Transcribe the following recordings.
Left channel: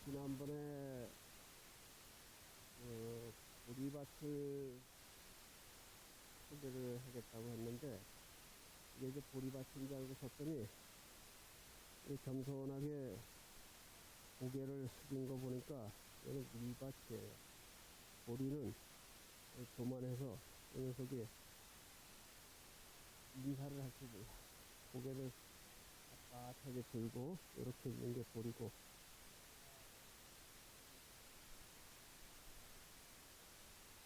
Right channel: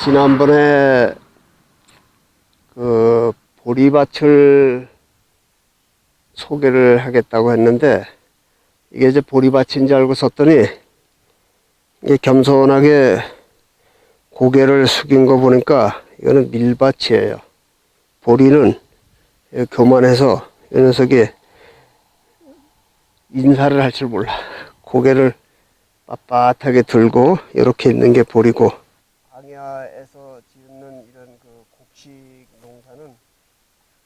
지난번에 그 보리밭을 소개를 하겠다고 했는데 이게 이제 보리밭인 줄 알고 썼더니 이게 겸손하게 고개를 숙인 거 보니까 이거는 밀밭이에요. 보리는 교만해서 이 녀석이 인사를 할 줄 몰라. 고개를 빳빳하게 들고 이렇게 있는 게 보리고, 광야에서 짓는 이런 그 곡식 농사는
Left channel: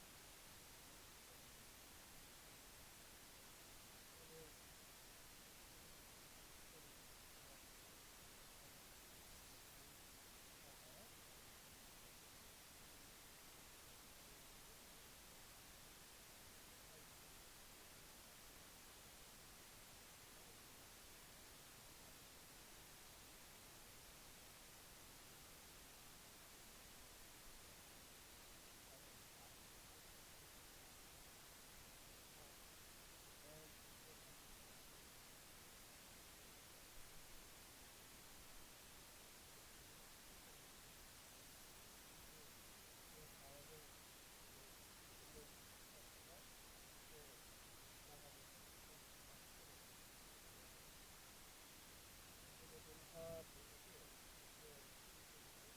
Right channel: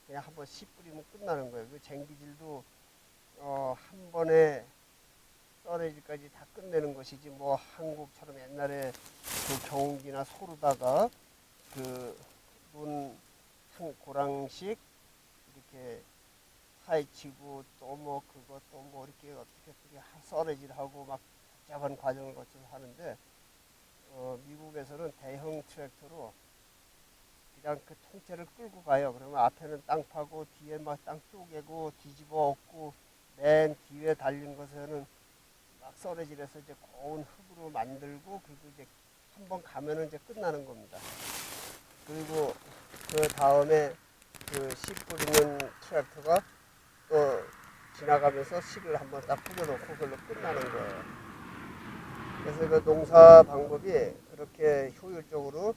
그냥 한번 씨 뿌리면 끝나는 거예요. 그 쟁기질도 한 번에 썰어지까지 다 끝내는 것이지, 뭐 한국처럼 옛날에 그 경운기나 소로다가 그문 한 고랑씩 이렇게 파헤치고 또 뭐 그거 또 뭐 이렇게 어떻게 썰어질하고 막 복잡한 과정을 거쳐서 하는데, 미국에서는 대형 트랙터로 그냥 그 통째를 끌고 가요. 그러면 앞에는 땅 파고 뒤에 막 땅 쪼개고 뒤집어 엎고 맨 뒤에 달린 것에는 막 썰어질해서 이제 고운 흙으로 만들고, 그리고 이제 한번 가면은 이제 끝나는 겁니다. 그리고 그 다음에 그 씨 뿌리는 트랙터가 또 지나가면서 씨를 한번 딱 뿌려놓고 그걸로 끝나는 거예요. 그래서 그 농사 방법이 그렇게 효율적으로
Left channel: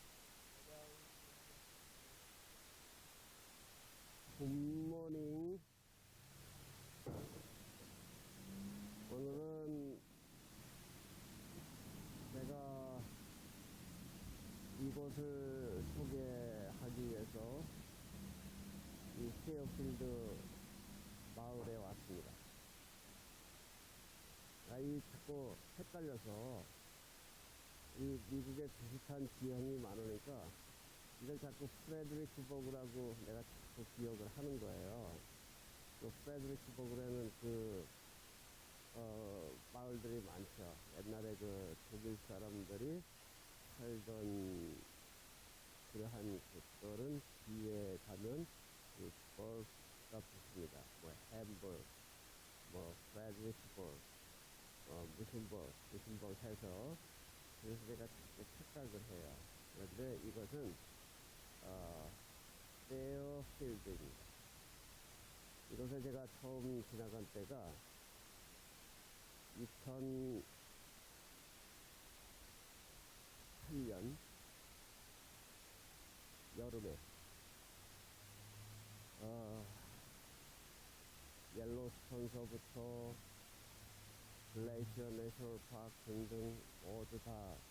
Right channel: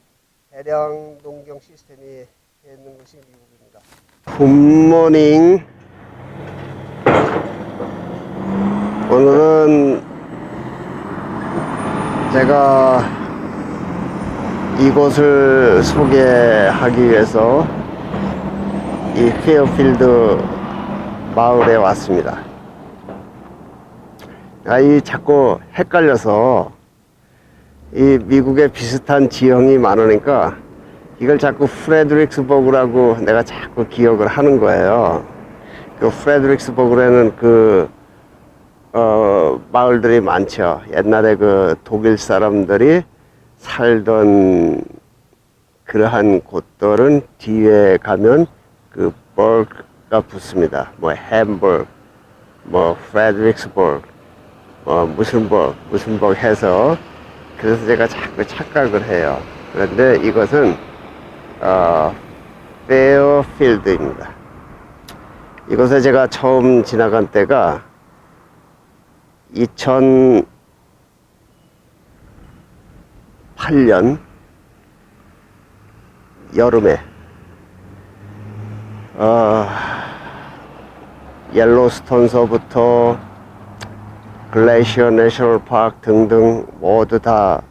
대량 농경 시스템이 되어 있는 것이 미국입니다. 굿모닝. 오늘은 제가 이곳을 소개하기 위해서 이 페어필드 마을에 왔습니다. 이 자꾸 헷갈려서 이 미국에 비슷한 지형이 많으니까 이걸 자꾸 프레드릭스버그라고 내가 자꾸 기억을 하는 거예요. 그 프레드릭스버그에는 마을들이 많죠. 옛날에 그 독일 사람들이 살던 그러한 곳들은 뒤에 가면 그 버그가 붙습니다. 뭐 햄버그, 뭐 프레드릭스버그, 무슨 버그 해서, 그래서 제가 자꾸 착각을 해요. 그런데 이것은 페어필드입니다. 이곳에 제가 처음 지나간 때가 2008년 여름에 옐로스톤서부터 글래시어 내셔널 파크 등등 모두 다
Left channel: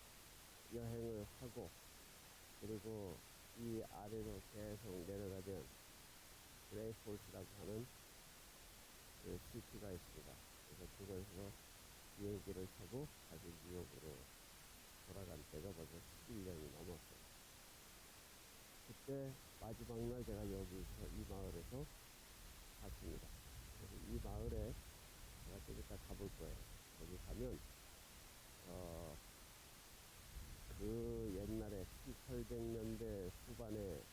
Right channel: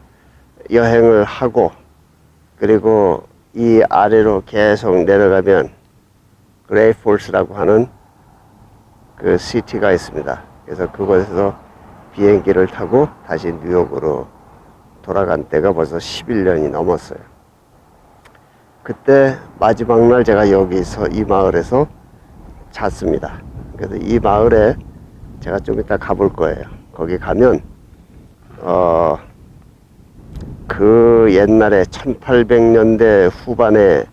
여행을 하고, 그리고 이 아래로 계속 내려가면 그레이폴스라고 하는 그 시티가 있습니다. 그래서 그곳에서 비행기를 타고 다시 뉴욕으로 돌아간 때가 벌써 11년이 넘었어요. 그때 마지막 날 제가 여기서 이 마을에서 잤습니다. 그래서 이 마을에 제가 좀 이따 가볼 거예요. 거기 가면 그 옛날에 1800년대 후반에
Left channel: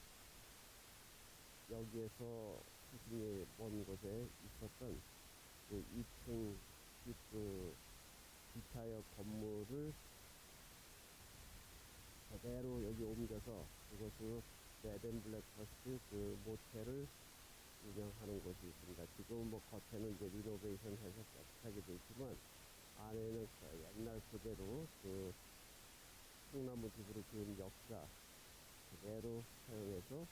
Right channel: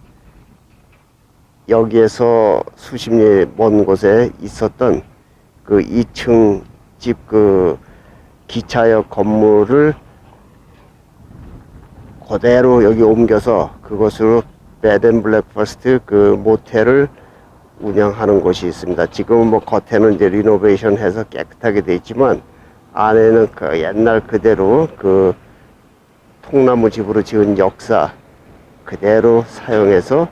여기에서 수십 리 먼 곳에 있었던 그 2층 집 그 기차역 건물을 그대로 여기 옮겨서 그곳으로 베드앤블랙퍼스트 그 모텔을 운영하는 곳이 있습니다. 지금은 뭐 겉에는 이제 리노베이션 해서 깨끗하게 돼 있지만 안에는 그 옛날 그대로 그 통나무 집으로 지은 역사 그대로 사용해서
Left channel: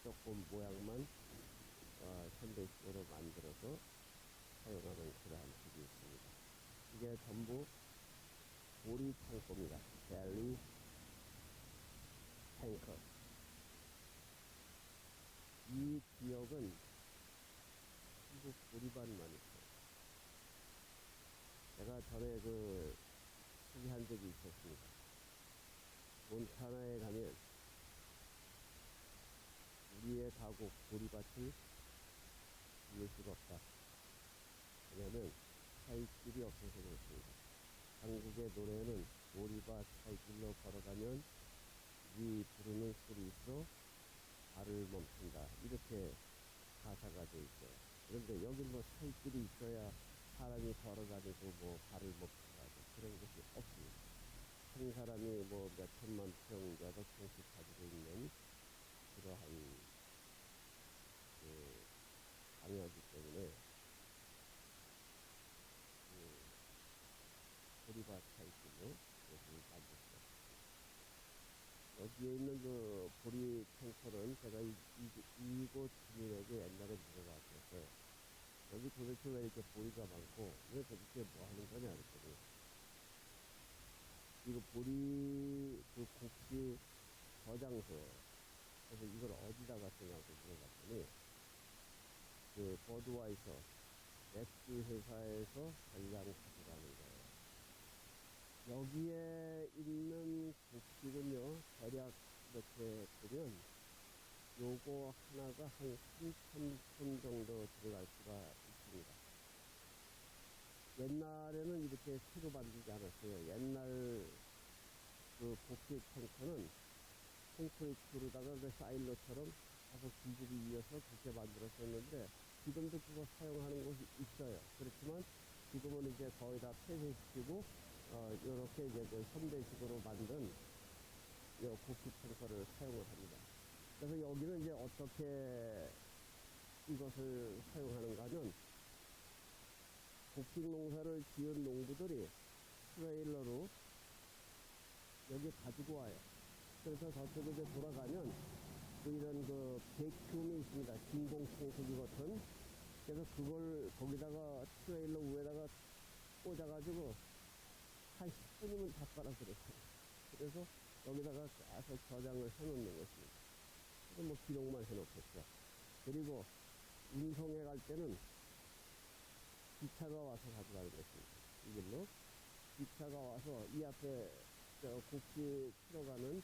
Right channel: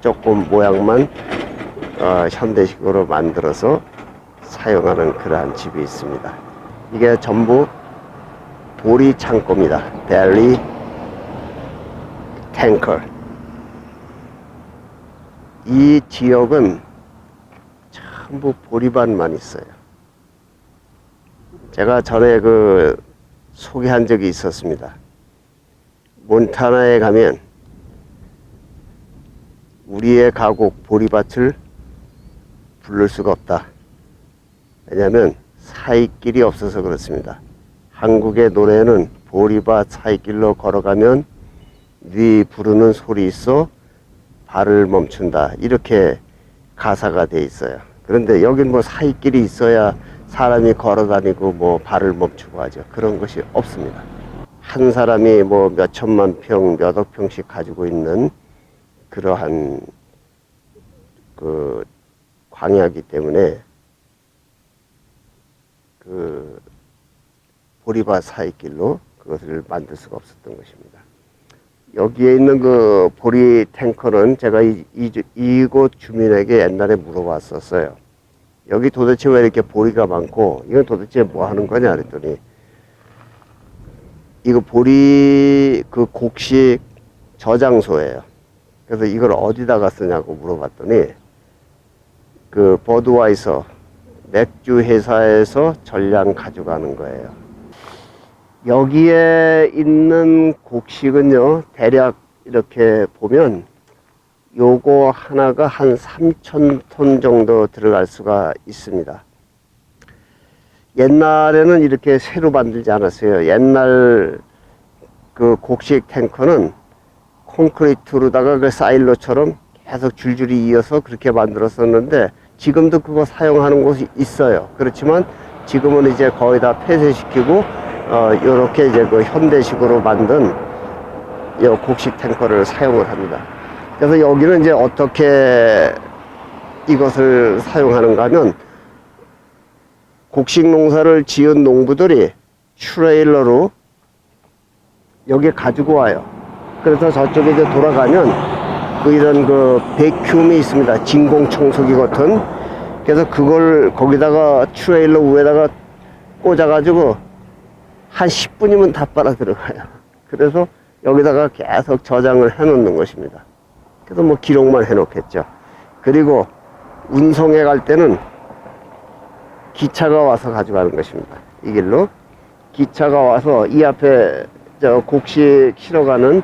조금 모양만 현대식으로 만들어서 사용하는 그러한 집이 있습니다. 이게 전부 보리 창고입니다. 벨리 탱커. 이 지역은 전부 보리밭만 있어요. 제가 전에 소개한 적이 있었습니다. 몬타나에 가면 우리의 가곡 보리밭을 부를 수가 없다. 왜냐하면 사이길이 없어서 그렇습니다. 한국의 노래는 보리밭 사이길로 걸어가면 네 부르는 소리 있어 발을 멈춘다, 이렇게 가사가 돼 있어요. 그런데 여긴 뭐 사이길이 있어야 사람이 걸어 다니고 뭐 발을 멈추고 하죠. 그런 것이 없습니다. 한 사람이 뭐 몇 천만 평, 몇 억 평씩 가지고 있는 그러한 그 광야이기 때문에 그 보리밭 사이길로 그것을 만들 수가 없었던 것입니다. 여기에 있는 그 보리 탱커는 제가 이곳 주민에게 옛날에 물어봤었어요. 여기 도대체 왜 이렇게 보리가 많고 이건 도대체 뭐 하는 거냐 그랬더니 이거 보리 그 곡식 저장소예요. 그래서 이걸 어디다가 쓰냐고 물어봤더니 그 버드와이서 맥주 회사에서 전량 가져가는 거예요. 여기에 있는 곡식은요, 대략 이렇게 보면 요거 하나가 한 3,000톤 정도 들어갈 수가 있습니다. 옛날에는 이렇게 새로 만들지 않았어요. 옛날 그 곡식 탱커는 콘크리트로다가 그 사일로처럼 계속 줄줄이 이어서 그렇게 만들었었는데 지금도 그거 사용하는 곳이 있어요. 그렇지만 지금은 이제 거의 다 폐쇄시키고 요렇게 이제 그 현대식으로 만든 요 곡식 탱커를 사용을 합니다. 그래서 여기는 이제 어떻게 이것을 사용하는가 하면 곡식 농사를 지은 농부들이 트레일러로 여기 가지고 와요. 그래서 저쪽에 이제 돌아가면 이런 그 베큐움이 있습니다. 진공 청소기 같은. 그래서 그걸 거기다가 트레일러 위에다가 꽂아가지고 한 10분이면 다 빨아 들어가요. 그래서 여기다가 계속 저장을 해 놓는 것입니다. 그래서 뭐 기록만 해 놓겠죠. 그리고 운송해 갈 때는 기차가 와서 가져가는 것입니다. 이 길로 기차가 와서 이 앞에 저 곡식 실어가는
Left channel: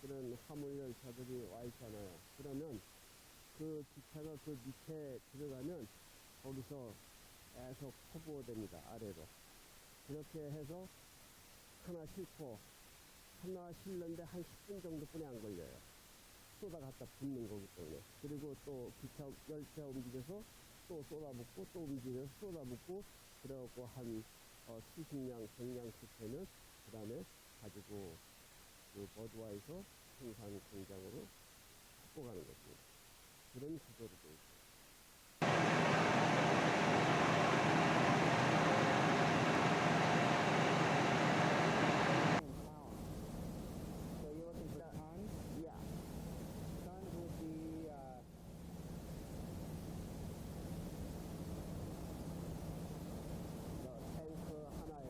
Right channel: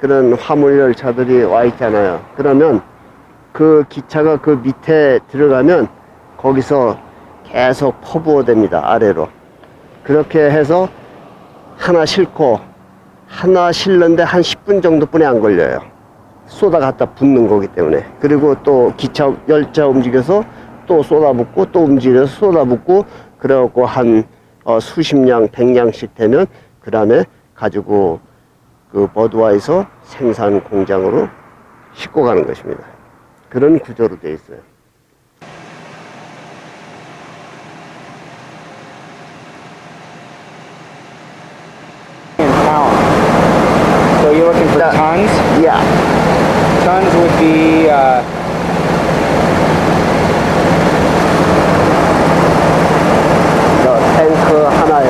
그런 화물 열차들이 와 있잖아요. 그러면 그 기차가 그 밑에 들어가면 거기서 계속 퍼부어 됩니다. 아래로. 그렇게 해서 하나 싣고 하나 실는데 한 10분 정도뿐이 안 걸려요. 쏟아 갖다 붓는 거기 때문에. 그리고 또 기차 열차 움직여서 또 쏟아붓고 또 움직여서 쏟아붓고 그래갖고 한 수십 량, 100량씩 되면 그 다음에 가지고 그 버드와이서 생산 공장으로 싣고 가는 것입니다. 그런 구조로 되어 있어요. So you're looking for tons? Yeah. Tons would be 탱크 하나에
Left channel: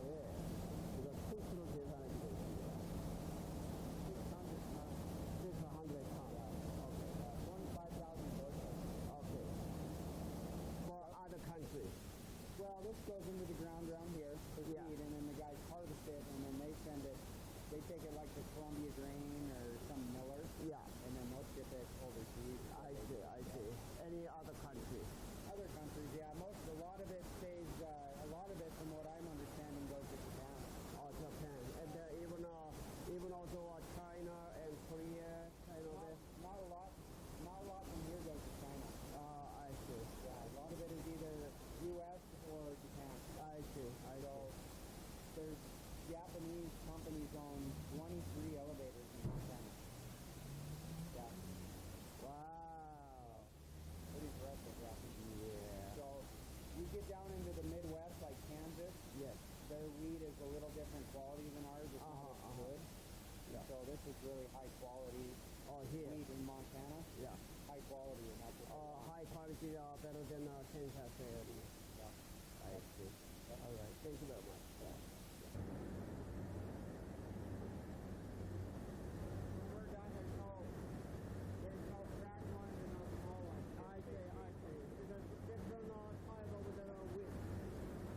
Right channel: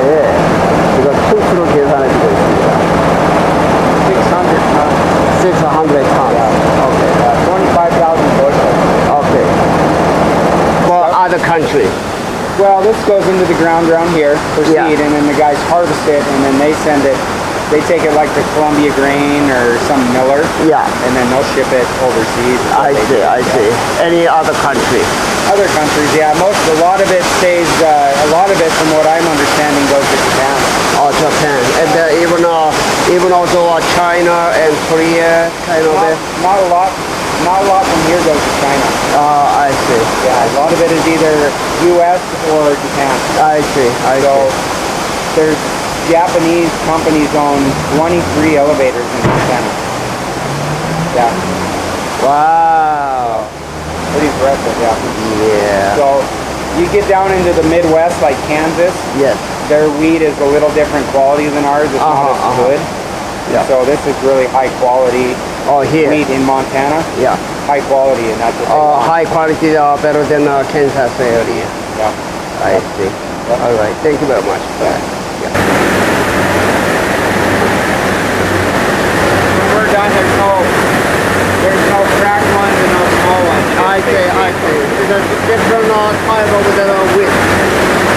이거 톤수로 계산해주고 있습니다. 600 tons. 600 tons. Okay. 25,000 bushels. Okay. For other country. Well, this goes into the ground around here for seed, Yeah. and then the guys harvest it, and then they send it. They take it like to Columbia Grain or some miller, Yeah. and then they'll ship it overseas. is what I they see. do. I see. Any other country? Other countries, yeah. A lot of it stays. A lot of it, from what I'm understanding, goes to Japan. Oh, Japan. And even also China and Korea kind of it. Not a lot. Not a lot from here goes to China. I see. Yeah, a lot of it is either U.S. or Japan. I see. I So see. there's Japanese companies own 23 elevators in Japan. Yeah, Wow. pretty impressive. Yeah. Yeah. So you get down into the Midwest, like Kansas, Yes. their wheat is a little different quality than ours. It's not as good. Yeah. So this is really high quality Oh, here. wheat in Montana. Yeah. High quality, and that's what they want. High quality better than Kansas area. Yeah. I see. All right. Thank you very much. Yeah. When we're done, there's no cracked ones and no small ones. I see. I see. There's different type of the wheat.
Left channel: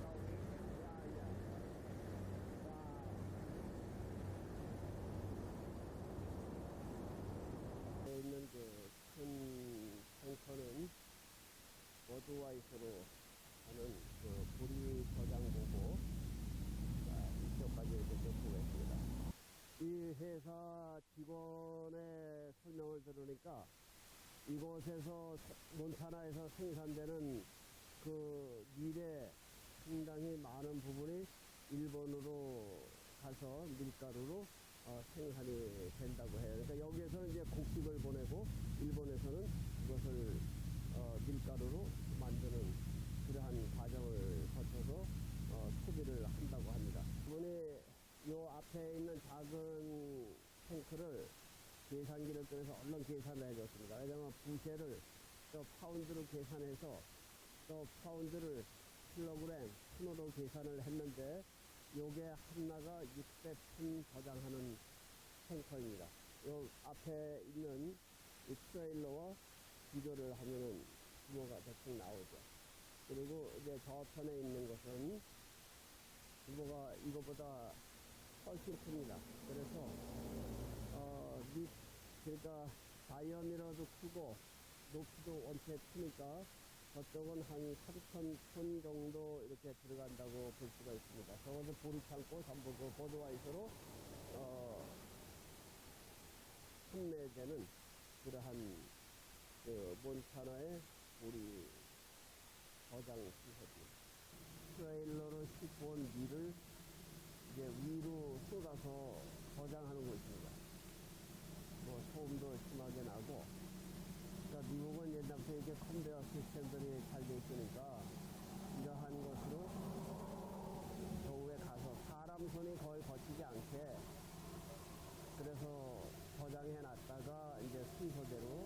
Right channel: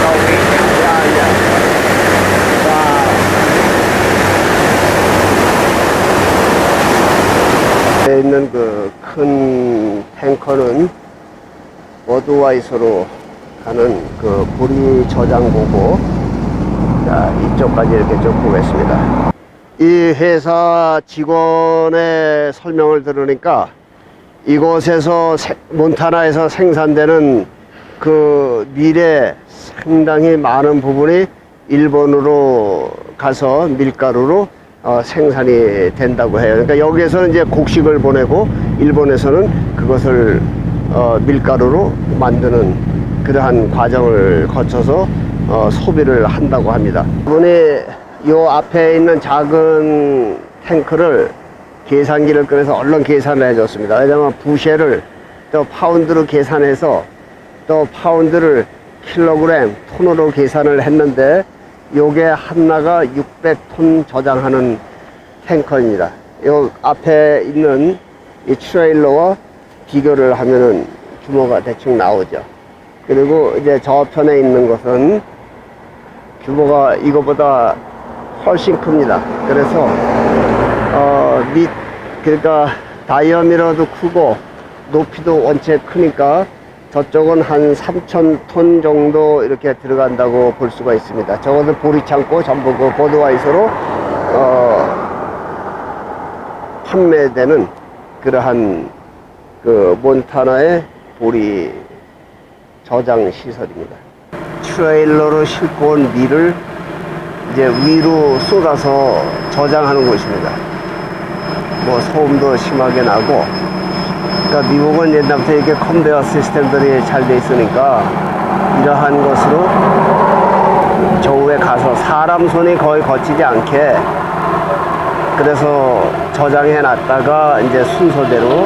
No wheat. Yeah, yeah. Wow. 에 있는 그 큰 탱커는 버드와이서로 가는 그 보리 저장고고, 자, 이쪽까지 이렇게 쭉 보겠습니다. 이 회사 직원의 설명을 들으니까 이곳에서 몬타나에서 생산되는 그 밀의 상당히 많은 부분이 일본으로 가서 밀가루로 생산이 된다고 해요. 그러니까 여기에서는 이제 곡식을 보내고 일본에서는 그것을 밀가루로 만드는 그러한 과정을 거쳐서 소비를 한다고 합니다. 이번에 요 앞에 있는 작은 탱크를 계산기를 꺼내서 얼른 계산을 해줬습니다. 왜냐면 부쉐를 또 파운드로 계산해서 또 파운드를 킬로그램, 톤으로 계산을 했는데 요게 하나가 600톤 저장하는 탱커입니다. 요 앞에 있는 이 트레일러와 비교를 하면은 규모가 대충 나오죠. 그리고 이제 저편에 있는 것은 규모가 이거보다 훨씬 큽니다. 그래서 그러니까 다이어미러도 크고 높이도 원체 크니까 저쪽은 한 3,000톤 정도 이렇게 들어간다고 볼 수가 있습니다. 저것은 보리창고 전부 그 보드와이서로 판매되는 그러한 그 몬타나의 보리 저장 시설입니다. 트레일러로 싣고 온 밀을 이제 위로 쏟아서 저장하는 곳입니다. 뭐 소음도 심하게 나고, 그러니까 미국은 옛날부터 이렇게 컨베어 시스템들이 잘 돼 있으니까 이러한 것으로 저 위에 가서 사람 손이 거의 거치지 않게 그래서 저장해 놨다가 이제 순서대로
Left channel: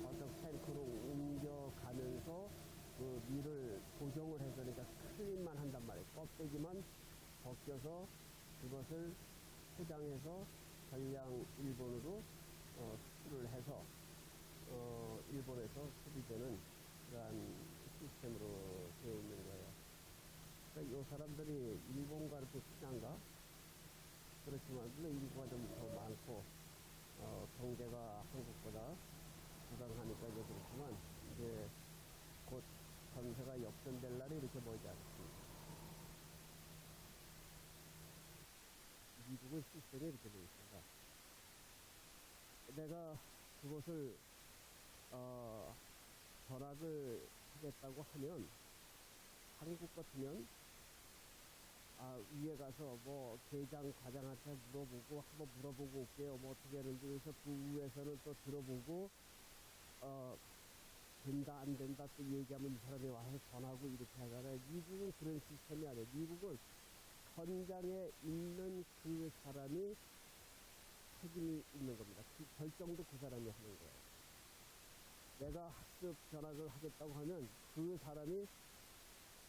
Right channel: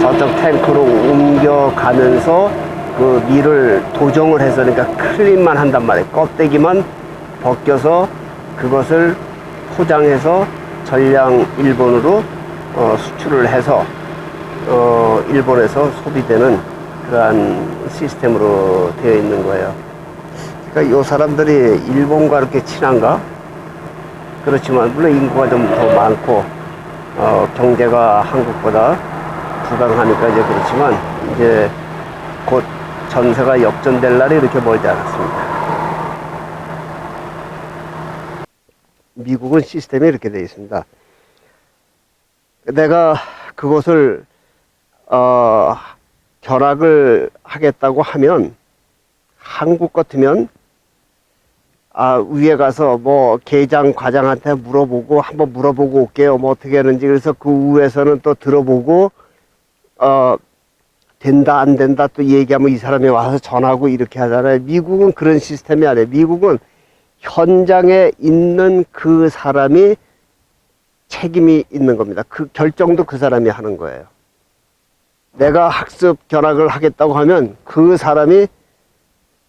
저쪽 탱크로 옮겨가면서 그 밀을 도정을 해서, 그러니까 클린만 한단 말이에요. 껍데기만 벗겨서 그것을 포장해서 전량 일본으로 수출을 해서 일본에서 소비되는 그러한 시스템으로 되어 있는 거예요. 그러니까 이 사람들이 일본과 이렇게 친한가? 그렇지만 물론 인구가 좀 더 많고 경제가 한국보다 부강하니까 이제 그렇지만 이제 곧 전세가 역전될 날이 이렇게 멀지 않았습니다. 미국은 시스템이 이렇게 되어 있습니다. 내가 그것을 결합을 하겠다고 하면 한국 같으면 위에 가서 뭐 계장 과장한테 물어보고 한번 물어보고 올게요. 뭐 어떻게 하는지. 그래서 그 위에서는 또 들어보고 된다 안 된다 또 얘기하면 이 사람이 와서 전하고 이렇게 하잖아요. 미국은 그런 시스템이 아니에요. 미국은 현장에 있는 그 사람이 책임이 있는 겁니다. 그 결정도 그 사람이 하는 거예요. 내가 학습 결합을 하겠다고 하면 그 사람이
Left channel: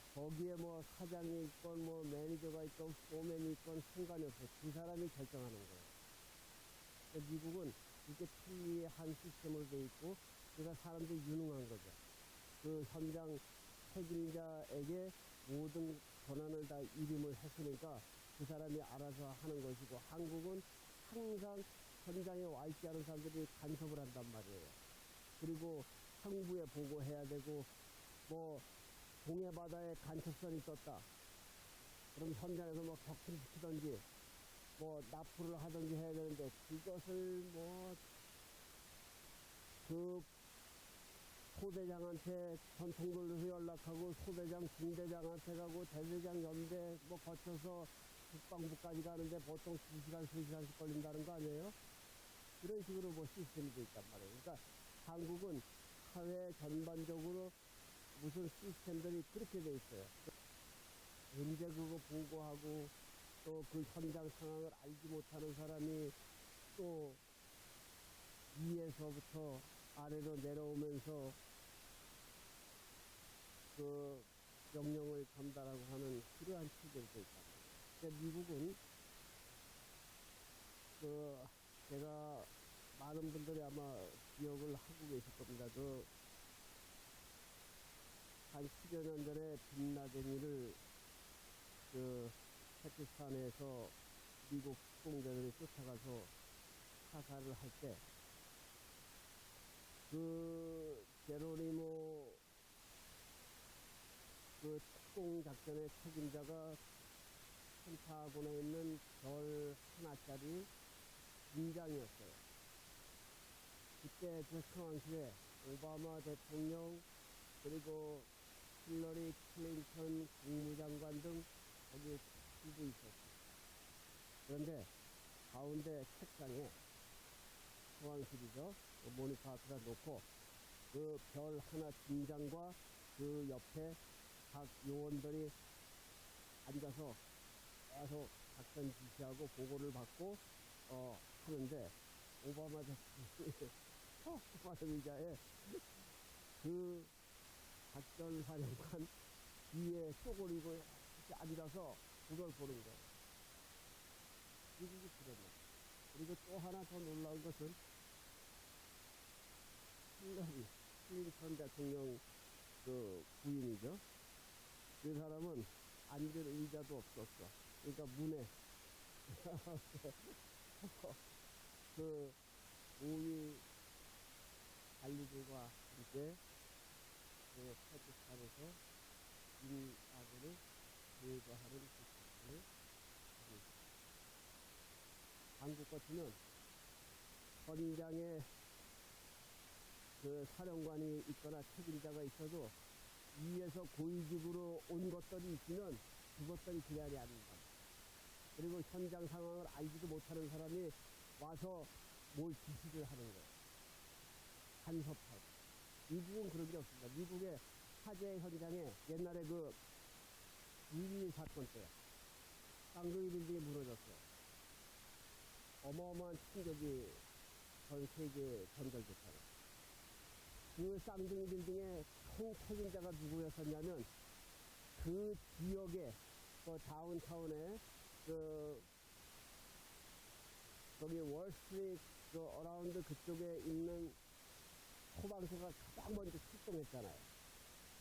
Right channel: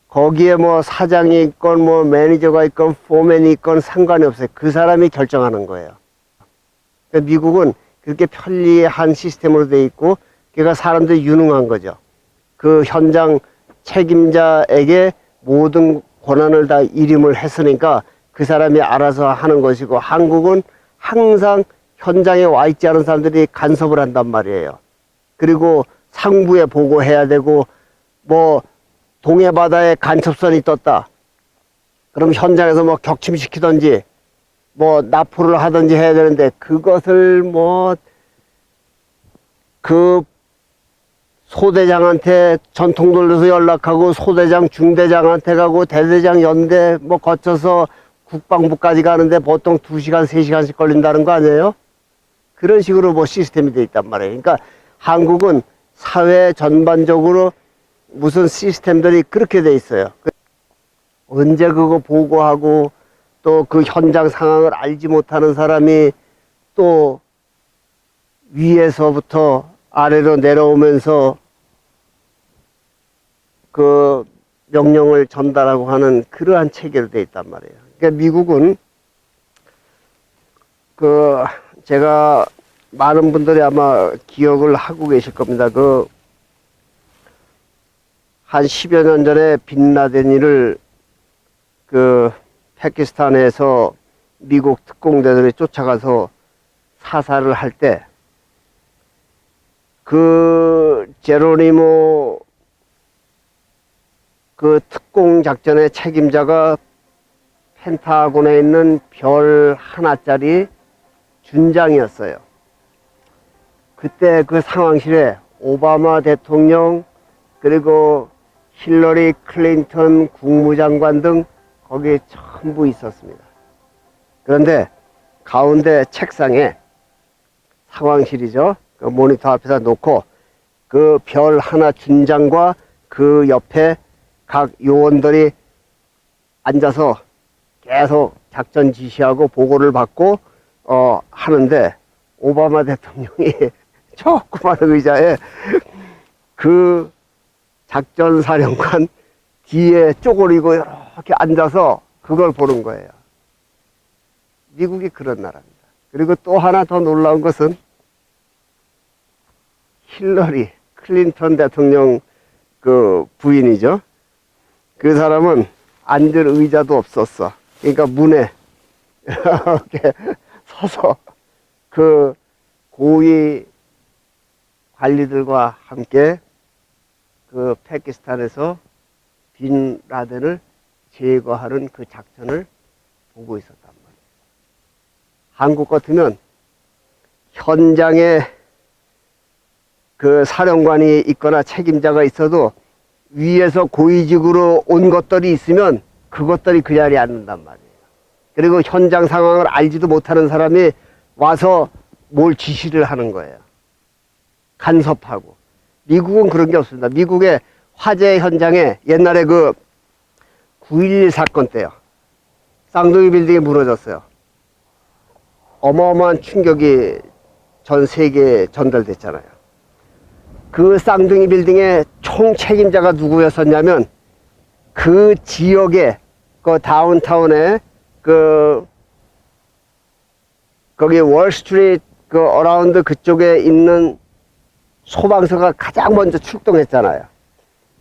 거기에 뭐 사장이 있건 뭐 매니저가 있건 포맨이 있건 상관이 없어요. 그 사람이 결정하는 거예요. 그러니까 미국은 그렇게 편리한 시스템으로 돼 있고, 그러니까 사람들이 유능한 거죠. 그 현장 책임자에게 모든 권한을 다 일임을 했으니까 그 사람이 알아서 하는 것이고, 한국은 항상 현장에 와 있지 않은 사람들이 간섭을 한단 말이에요. 그리고 상부에 보고해야 되고, 뭐 동해 바다에 간첩선이 떴다. 그럼 현장에서 뭐 격침시키든지 뭐 납포를 하든지 해야 되는데, 그것을 뭐 그 소대장한테 전통 돌려서 연락하고 소대장 중대장한테 가고 대대장 연대 뭐 거쳐서 국방부까지 가는데 보통 2시간 3시간씩 걸린다는 거 아니에요? 그런 식으로 뭐 시스템이 돼 있단 말이에요. 그러니까 한국은 사회 전반적으로 무슨 시스템들이 그렇게 돼 있어요. 언제 그거 보고하고 또 그 현장 상황을 알지 못하는 사람이 또 위에서부터 아래로 내려오면서 그 명령을 전달하고 하는 그러한 체계로 돼 있단 말이에요. 그러니까 미국은 그 제가 많은 분들이 아마 기억을 하고 계실 겁니다. 그 한 10여 년 전에 빈라덴이를 그 파키스탄에서 미국 특공대들이 쫓아가서 사살을 할 때 그 제로니모 그 특공 작전의 책임자가 펜타곤에 있는 별 하나짜리 준장이었어요. 그때 그 상황실에 오바마 대통령 그리고 힐러리 클린턴 국무장관 등 거기에 전부 있었습니다. 그런데 가운데 책상에 상황실이죠. 그 모니터 앞에다 놓고 그 별 하나 준장과 그 옆에 각 요원들이 앉아서 계속 작전 지시하고 보고를 받고 하는데 오바마 대통령이 조그만 의자에 그 작전사령관 뒤에 쪼그리고 이렇게 앉아서 그걸 보는 거예요. 미국이 그런 나라입니다. 그리고 또 하나 더 놀라운 것은 힐러리 클린턴 대통령 그 부인이죠. 그 사람은 앉을 의자도 없었어. 그러니까 문에 이렇게 서서 그 고위 관리들과 함께 그 파키스탄에서 빈 라덴을 제거하는 그 작전을 보고 있었단 말이에요. 한국 같으면 현장에 그 사령관이 있거나 책임자가 있어도 위에서 고위직으로 온 것들이 있으면 그것들이 그 자리에 앉는단 말이에요. 그리고 현장 상황을 알지도 못하는 사람이 와서 뭘 지시를 하는 거예요. 간섭하고. 미국은 그런 게 없습니다. 미국의 화재 현장에 옛날에 그 9.11 사건 때요. 쌍둥이 빌딩이 무너졌어요. 어마어마한 충격이 전 세계에 전달됐잖아요. 그 쌍둥이 빌딩의 총 책임자가 누구였었냐면 그 지역에 그 다운타운에 그 거기 월스트리트 그 어라운드 그쪽에 있는 소방서가 가장 먼저 출동했잖아요.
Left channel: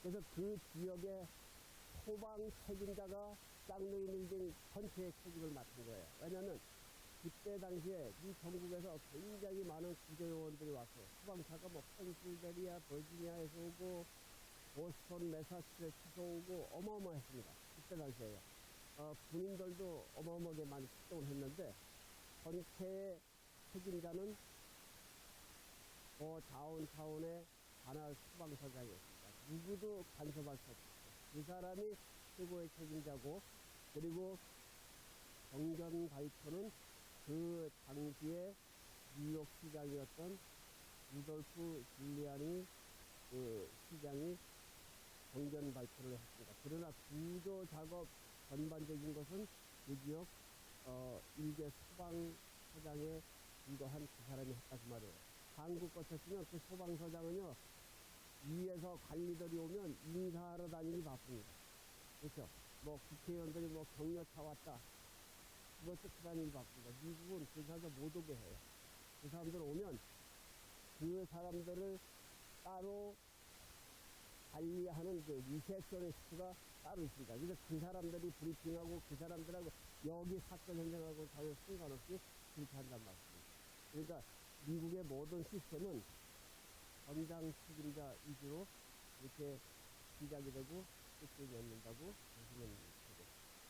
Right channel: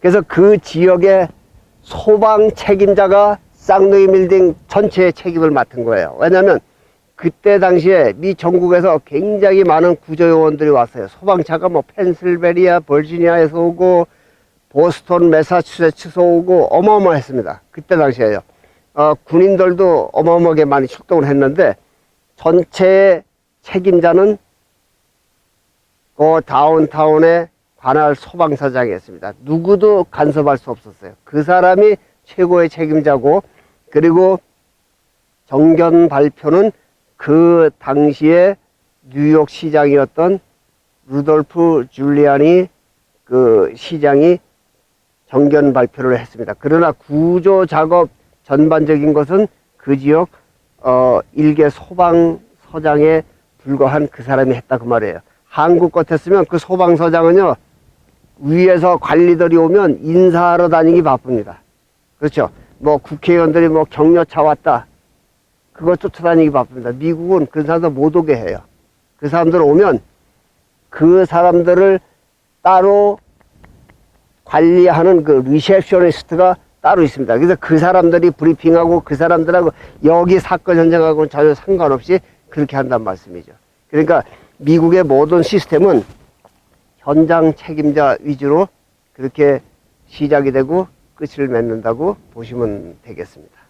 그래서 그 지역의 소방 책임자가 쌍둥이 빌딩 전체의 책임을 맡은 거예요. 왜냐하면 그때 당시에 미 전국에서 굉장히 많은 구조요원들이 왔어요. 소방차가 뭐 펜실베니아, 버지니아에서 오고 보스턴, 매사추세츠에서 오고 어마어마했습니다. 그때 당시에요. 군인들도 어마어마하게 많이 출동을 했는데 전체의 책임자는 그 다운타운의 관할 소방서장이었습니다. 누구도 간섭할 수 없었어요. 그 사람이 최고의 책임자고, 그리고 정견 발표는 그 당시에 뉴욕 시장이었던 루돌프 줄리아니 그 시장이 정견 발표를 했습니다. 그러나 구조 작업 전반적인 것은 그 지역 일개 소방서장에 불과한 그 사람이 했다 그 말이에요. 한국 같았으면 그 소방서장은요, 위에서 관리들이 오면 인사하러 다니기 바쁩니다. 그렇죠. 뭐 국회의원들이 뭐 격려차 왔다, 그거 쫓아다니기 바쁩니다. 미국은 그 사람들 못 오게 해요. 그 사람들 오면 그 사람들을 따로 관리하는 그 리셉셔니스트가 따로 있습니다. 그래서 그 사람들이 브리핑하고 그 사람들하고 여기 사건 현장하고는 전혀 상관없이 그렇게 한다는 말씀이죠. 그러니까 미국의 모든 시스템은 현장 책임자 위주로 그렇게 시작이 되고 끝을 맺는다고 보시면 되겠습니다.